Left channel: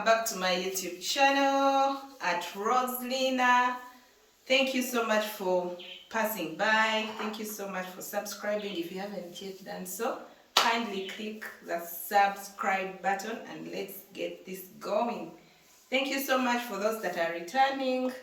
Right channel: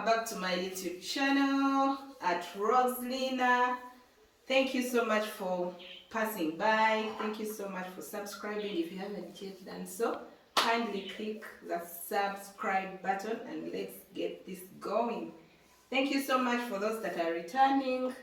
welcome back to my YouTube channel at Roselina. Thank you so much for passing by. Thank you so much for subscribing. If you haven't yet done so, kindly click the subscribe button and let's get this going. Thank you so much for those that are returning.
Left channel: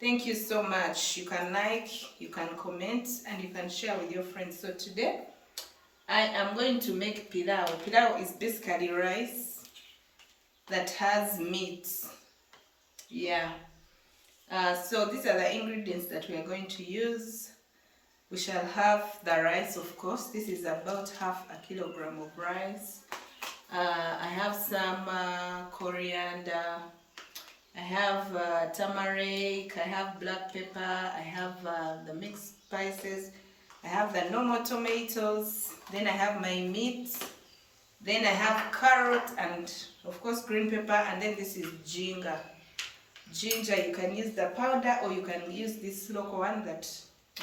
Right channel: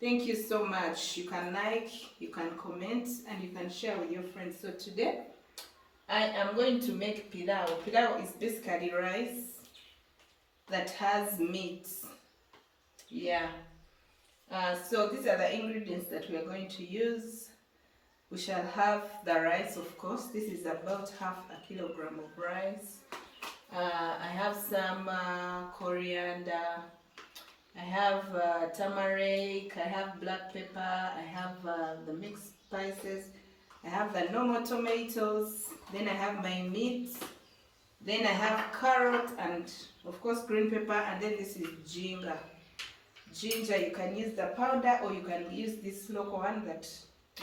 Thank you so much. You can like, you can comment, and you can share with your friends. So today I am going to make pilau. Pilau is basically rice that has meat. Yeah. So these are the ingredients that we are going to use. We shall have the rice, of course. This is about half a kilogram of rice. I have some coriander. I have turmeric. I have black pepper. I have the mixed spices. I have the normal tomatoes. Then I have my meat. Then I have carrot and of course green pepper, and then this is ginger. Ginger, you can use the powder or you can use this local one that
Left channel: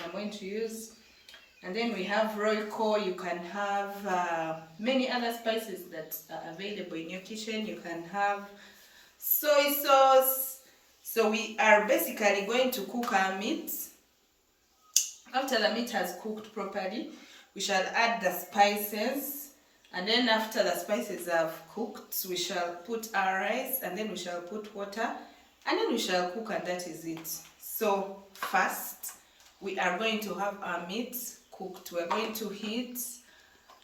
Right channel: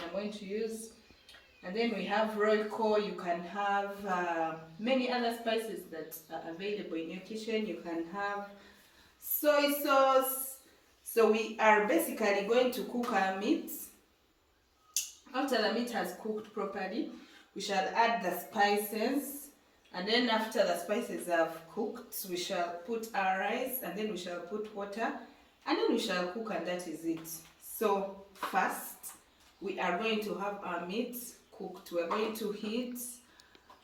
I'm going to use. And then we have royco. You can have many other spices that are available in your kitchen. You can have soy sauce. So we are basically going to cook our meat. After the meat has cooked properly, we shall add the spices. And then after the spices have cooked, we shall put our rice, and then we shall put water, and then we shall cook, and that is it. So first, we are going to have our meat cooked. We are going to heat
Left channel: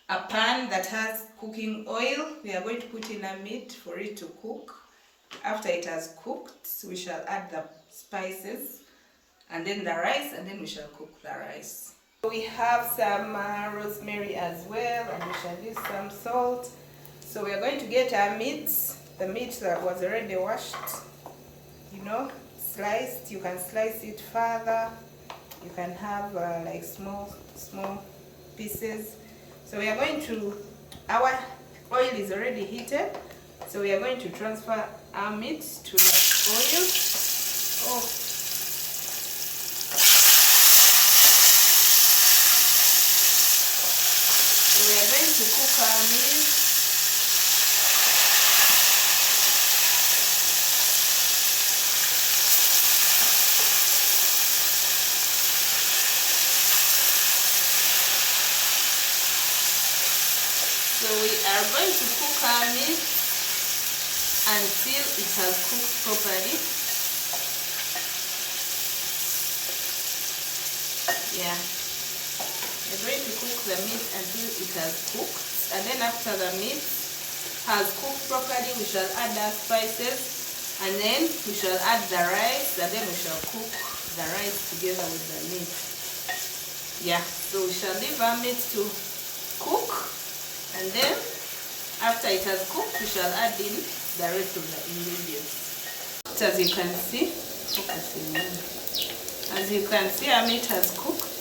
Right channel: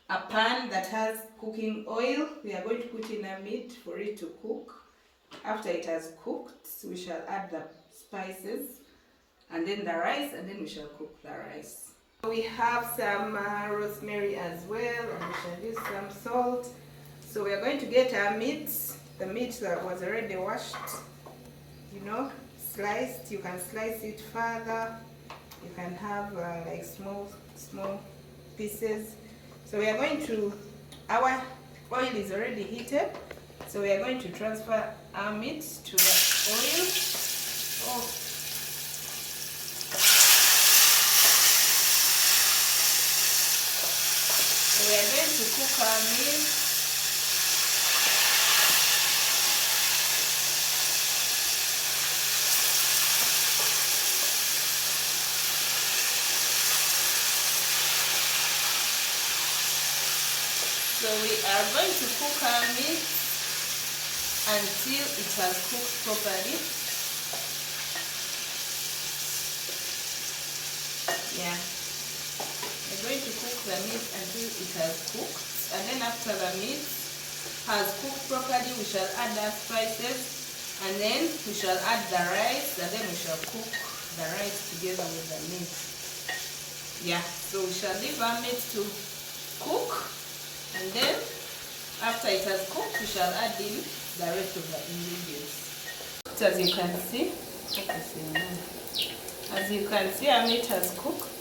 a pan that has cooking oil. We are going to put in our meat for it to cook. After it has cooked, we shall add the spices, and then the rice, and then we shall cook the rice. We have some rosemary as well, and we shall use some salt. So we are going to get our meat, the meat that was already washed, sliced. You can slice it further. You can have like small pieces. So we are going to, our oil is already heated, so we are going to transfer our meat to the oil. So we are going to cook our meat. So we are going to cook our meat until it has cooked properly. Yeah. We're going to cook the meat until it has cooked, and then after the meat has cooked properly, we shall add our spices, and then we shall add the rice, and then we shall cook the rice together with the meat. Yeah, so we shall leave our meat to cook, and then after it has cooked, we shall add in the rest of the ingredients. As you can see, our meat has cooked.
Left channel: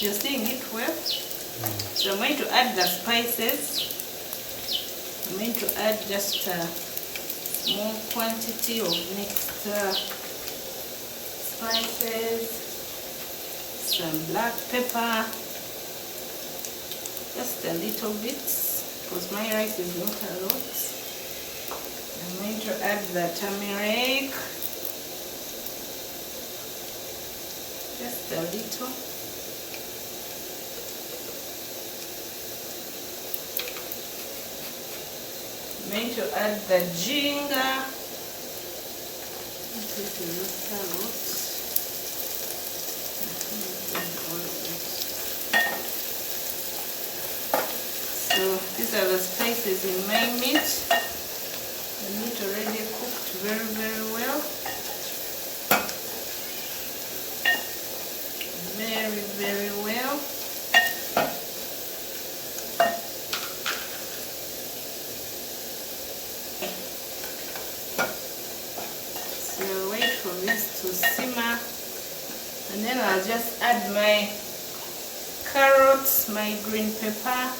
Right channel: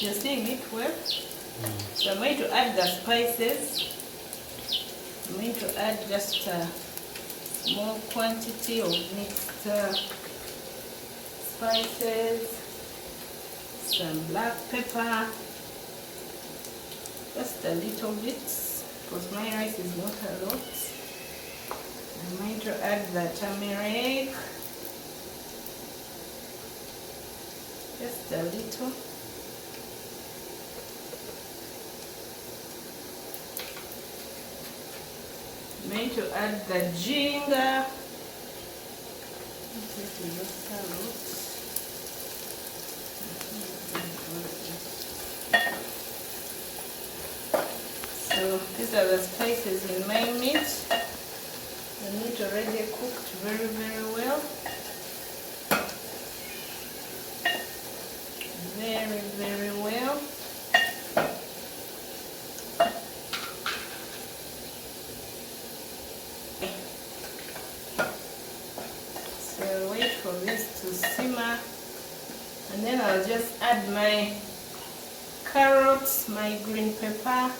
You're seeing it well. So I'm going to add the spices. I'm going to add just a small quantity of mixed spices, some black pepper, just a little bit, because my rice is not a lot. I'm going to add the turmeric, just a little. I'm going to add the ginger. This is just a lot. So these are the spices in my meat. The meat already cooked very, very well. Very, very well. So wait for this to simmer, and then I'll just add my carrots, my green pepper,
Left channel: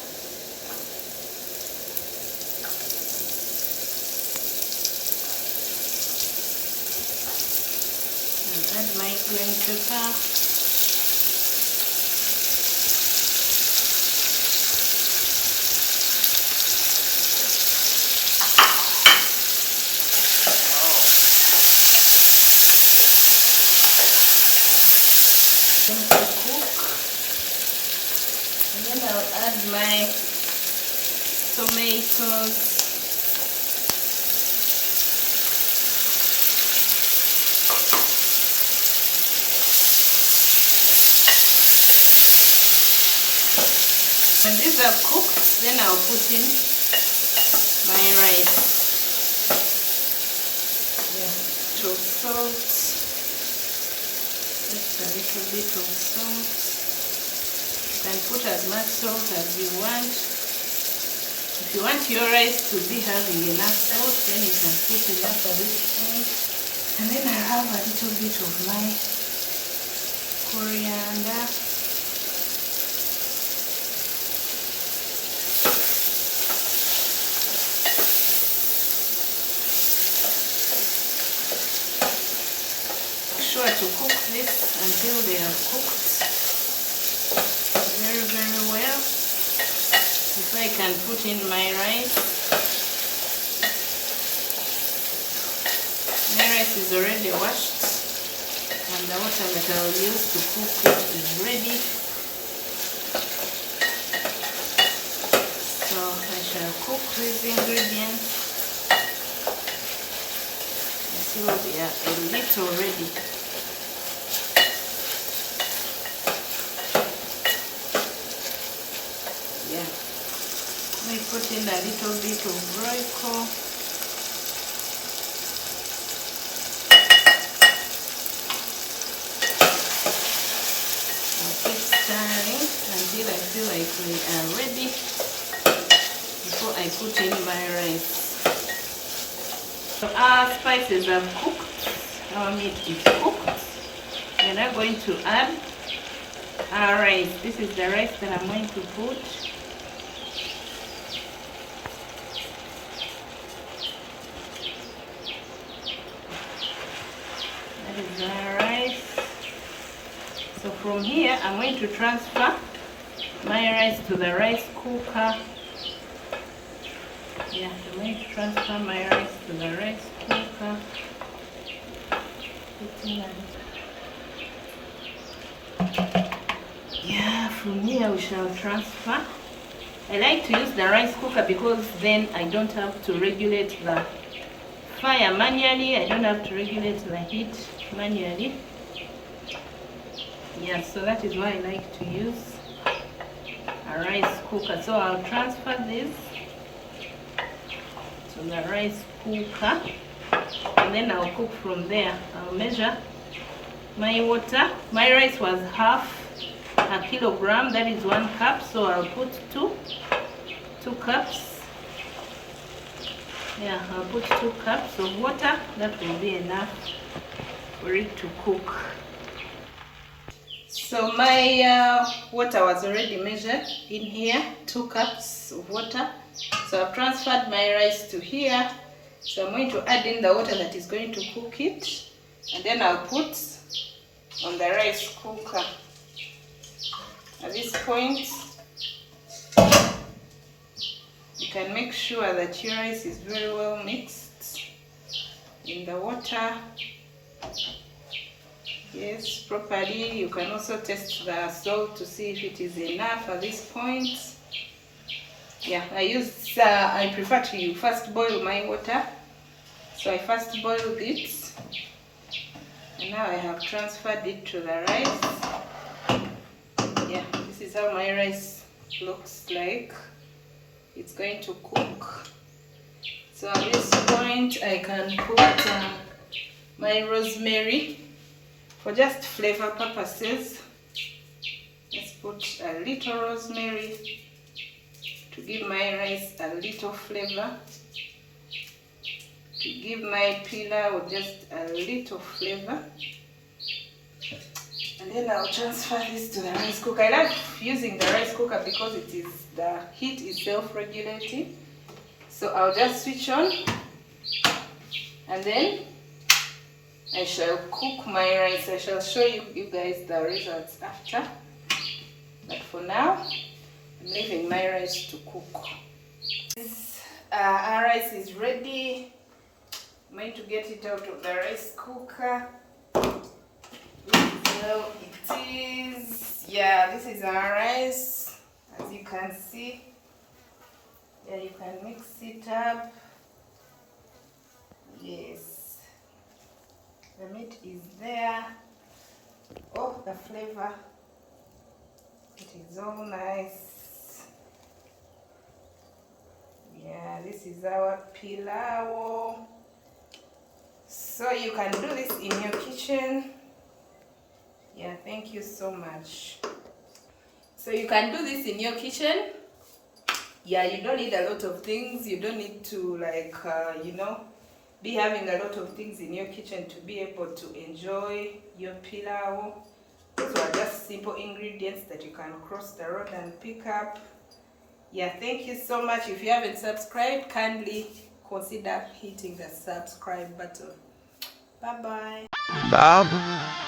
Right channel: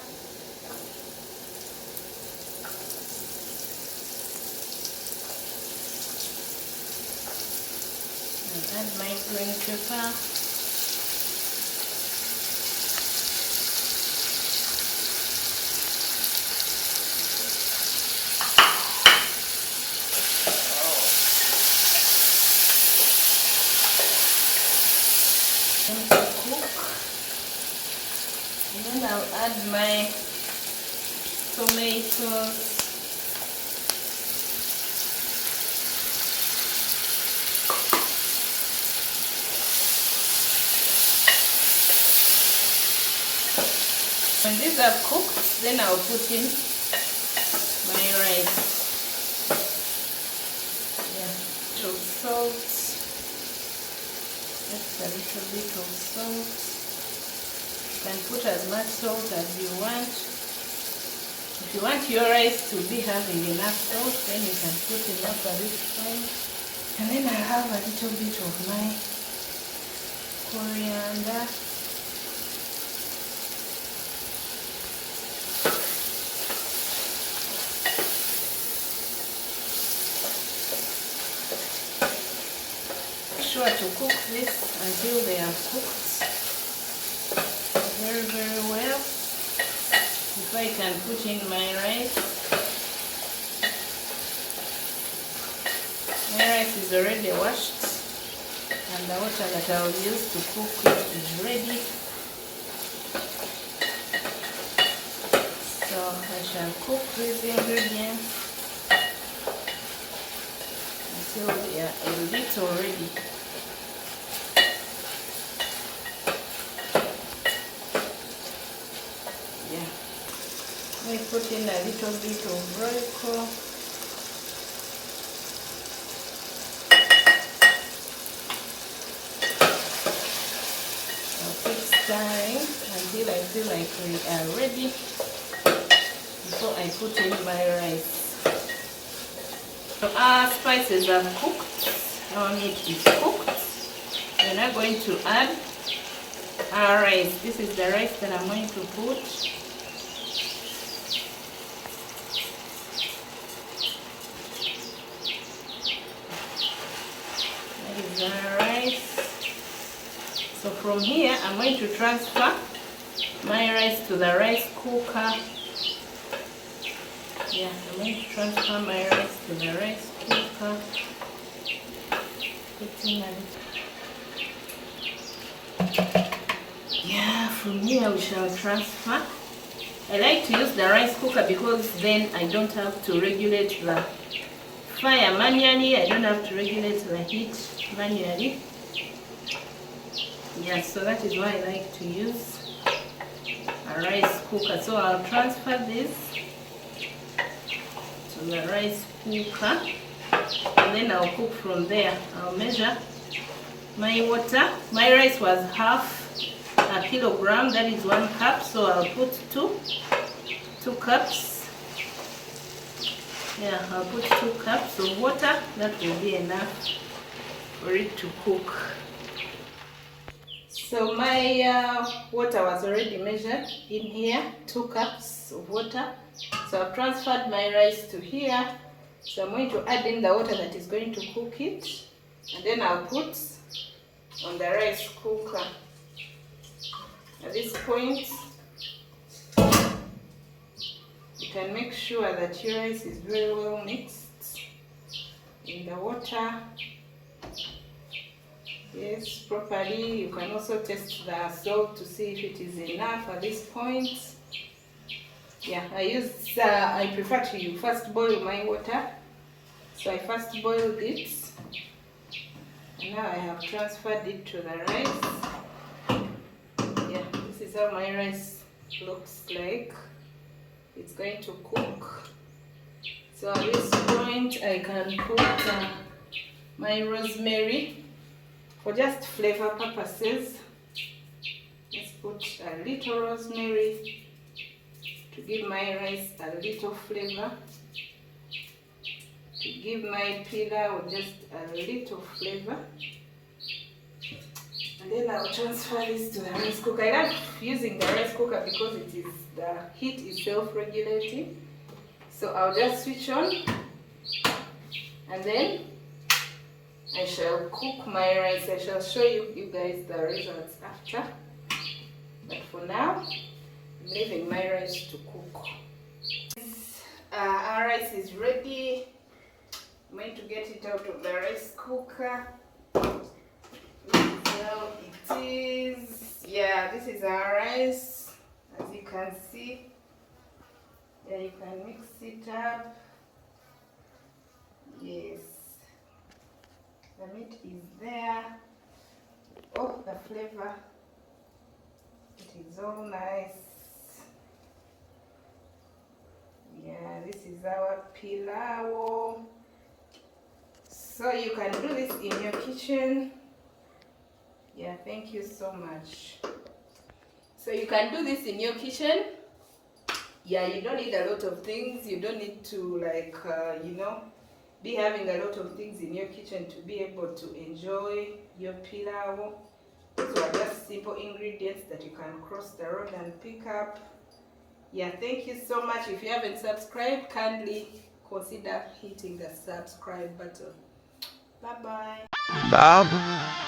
and add my green pepper. add my tomatoes. When these are cooked, then I'll put in my rice. Yeah, so salt, just a little bit of salt. You can put as much salt as you want. If you want your rice to be having enough salt, then you can put enough at this point. And then I have a little bit of my coriander. Sure to cook this until they are cooked very well. If I can put in my rice. My rice is already washed and the water that I will use to cook it is ready. So I shall cook these ingredients until they are a little ready. I put in a little bit of Royco. I'll keep stirring until I feel like we are ready before I put in my rice. So our spices are cooked, our meat is cooked. We're now going to add our rice. This is the rice that I'm going to put. Rice. So from here I'm going to transfer my rice to the rice cooker. Yeah, I'm going to transfer my rice to the rice cooker. Yeah, from here we shall transfer. I like to use the rice cooker because then I don't have to regulate the fire manually. I don't have to regulate the heat manually. Yeah, so that is why I like to use a rice cooker. So I'll transfer this to the rice cooker and then I'll cook from there. I'll measure my water. My rice was half a kilogram, that is 1 cup, so I'll put two cups. Yeah, I'll put 2 cups of water. That will be enough for it to cook. So my water was already measured in here, 2 cups of water. So I've transferred my rice to here. So I'm going to add in the water that is going to cook it, and then I'll put on the rice cooker. At this point, you can make sure that your rice is very well mixed in the water. Yes, properly. You can also test the salt to see if it is enough at this point. Yeah, I prefer to first boil my water. So I first boiled it, and now I have transferred it to the rice. Yeah, this is how my rice looks like. It's going to cook. So at this point I can put my rosemary for just flavor purposes. Let's put a little rosemary to give my rice a little flavor, to give my pilau just a little flavor. And then I'll transfer this to the rice cooker. I like using the rice cooker because the heat is self-regulating. So I'll just switch on and then I shall cook my rice. I shall show you guys the results after. But for now, I'm leaving my rice to cook. Our rice is ready. I'm going to get it out of the rice cooker. This is how it is. Yeah, this is our rice. As you can see, yeah, you can mix it up. Yes, the meat is there. Oh, the flavor, it is all nice. Yeah, this is our pilau. So you can do this in your kitchen. Yeah, thank you so much. So you can do this in your kitchen. Yeah, you don't need a lot of things. You don't need to be having a lot of things in your kitchen to be able to enjoy your pilau. Those are just simple ingredients that you can cross the road and pick up. Yeah, thank you so much. If you haven't subscribed, kindly consider hitting the subscribe button. Bye bye.